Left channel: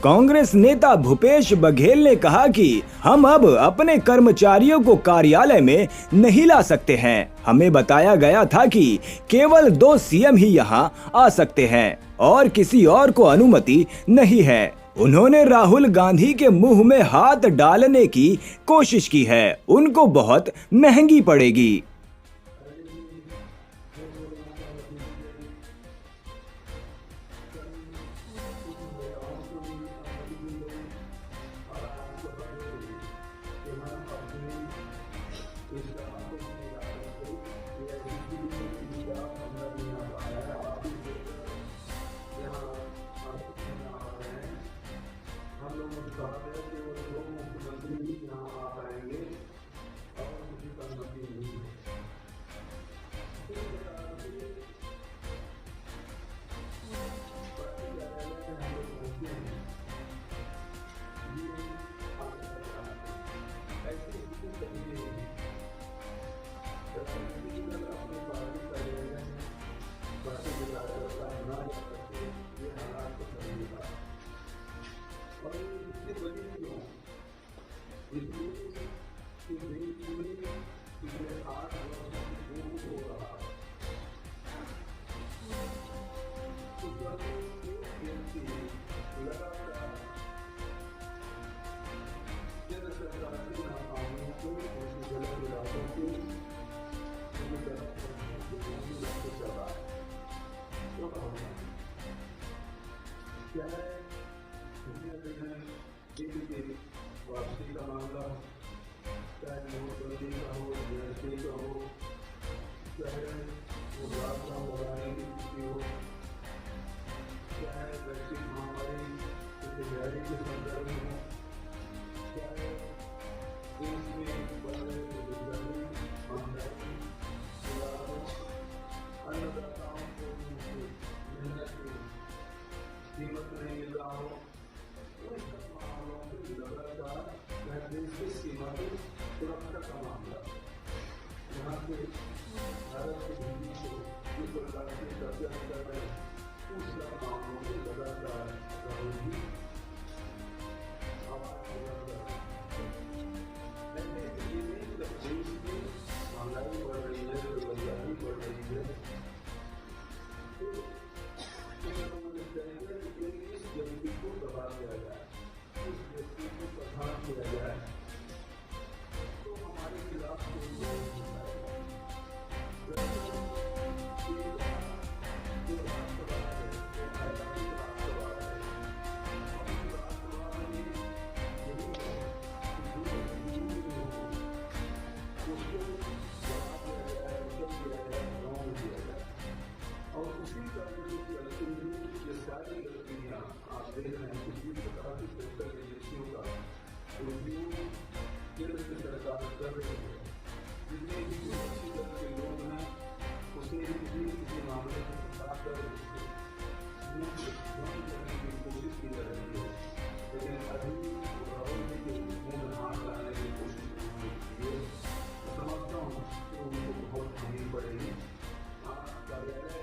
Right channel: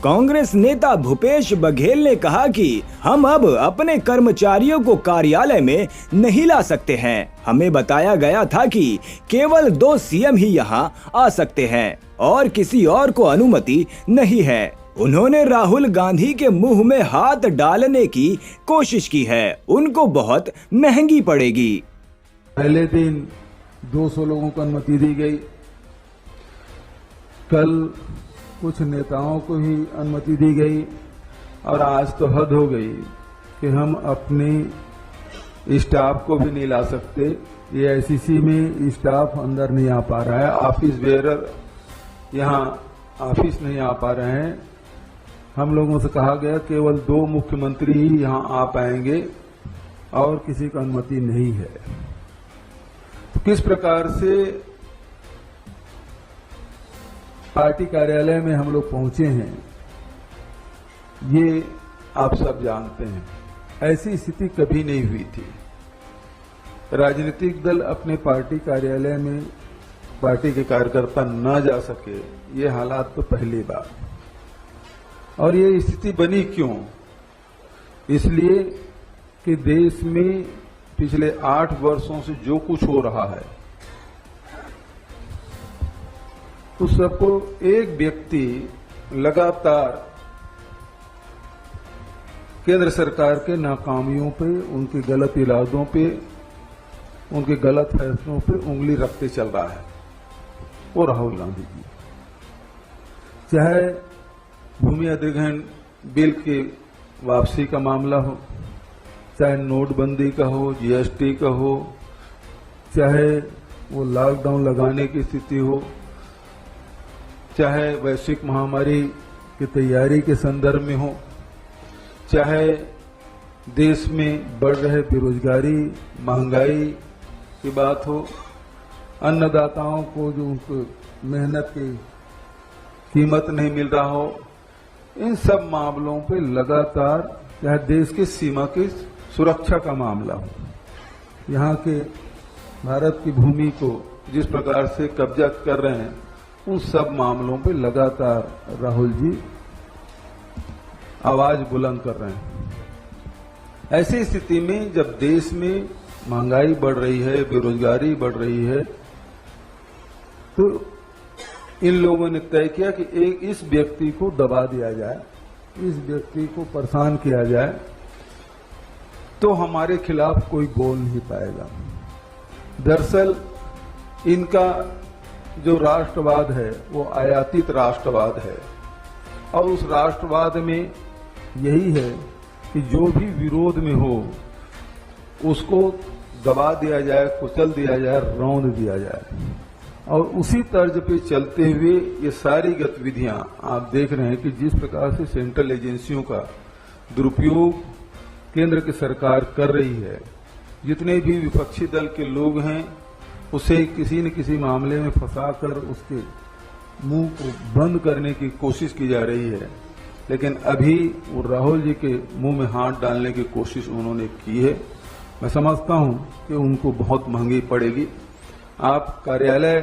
कांग्रेस नेता भूपेश बघेल ने कहा कि हम अब अपने कर्मचारियों को कार्यालय में नहीं ला सकते हैं। हमें बताया गया था कि केवल 2 सीएम ही यहां आ सकते हैं और किसी और को अनुमति नहीं है। उन्होंने राहुल गांधी के मुंह में हाथ डालने की कोशिश की है, उनको बहुत महंगी पड़ेगी। पहले दिन 200 लोगों को अनुमति दी गई, कल कुछ नेताओं को ही अनुमति दी गई और आज तो हद हो गई कि हम अपने स्टाफ को भी नहीं ला सकते। ये आईसीसी में स्टाफ अंदर नहीं आ पा रहा है, ऑफिस बेरर यहाँ ऑफिस नहीं आ पा रहे हैं। हम लोगों से कहा गया केवल 2 मुख्यमंत्री ही यहाँ आ पाएंगे और किसी को अनुमति नहीं है। तो किस प्रकार से पार्टी कार्यालय में हम लोग पहुंचे हैं, ये आप सब जानते हैं। ऐसी स्थिति कभी नहीं हुई थी। राजनीतिक दल अपने पार्टी कार्यालय में पार्टी के कार्यकर्ता न जा सके, ये हालात तो पहली बार। और ये स्थिति बनी क्यों? इसलिए कि देश में पिछले 8 वर्षों से जो कुछ हो रहा है उस सबको एक व्यक्ति लगातार केंद्र सरकार के नाकामियों पे, उनके गलत इरादों पे, उनके गलत फैसलों पे उंगली रखते चल रहा है। वो राहुल गांधी जी, चाहे भूमि अधिग्रहण बिल की वापसी का मामला हो, चाहे नोटबंदी का हो, जीएसटी का हो, चाहे वो लॉकडाउन लगाने की स्थिति हो, चाहे वैश्विक महामारी की तैयारी के संदर्भ में हो, चाहे देश में बढ़ रहे बेरोजगारी, महंगाई की बात हो, अन्नदाताओं को जो उनको मेहनत की कीमत नहीं मिल रहा हो, इन सब मामलों पे लगातार, चाहे देश की सीमा की सुरक्षा का मामला हो, यहाँ के भारत की भूमि को जिस प्रकार से कब्जा कर रहे हैं, उन सब मामलों पे लगातार राहुल जी आवाज बुलंद कर रहे हैं। ऐसी स्थिति में जब देश में महंगाई बढ़ रही है, बेरोजगारी बढ़ रही है, तो इन लोगों ने तय किया कि एक इस व्यक्ति को दबा दिया जाए, इस व्यक्ति को परेशान किया जाए, तो हमारे खिलाफ कोई बोल नहीं पाएगा। दरअसल इनका जो राष्ट्रवाद है वो आयातित राष्ट्रवाद है और उस राष्ट्रवाद में यही है कि जो भी विरोध में हो उसको दबा दिया जाए, कुचल दिया जाए, रौंद दिया जाए। और उसी तर्ज पे चलते हुए ये सारी गतिविधियां आप देख रहे हैं कि जिस प्रकार से सेंट्रल एजेंसियों का दुरुपयोग केंद्र की सरकार कर रही है, जितने भी विपक्षी दल के लोग हैं उसे किसी न किसी मामले में फंसाकर उसके मुंह को बंद करने की कोशिश की जा रही है। लेकिन अभी वो राहुल जी के मुंह में हाथ डालने की कोशिश उन्होंने की है। मैं समझता हूं कि उनको बहुत महंगी पड़ेगी। आप कार्यालय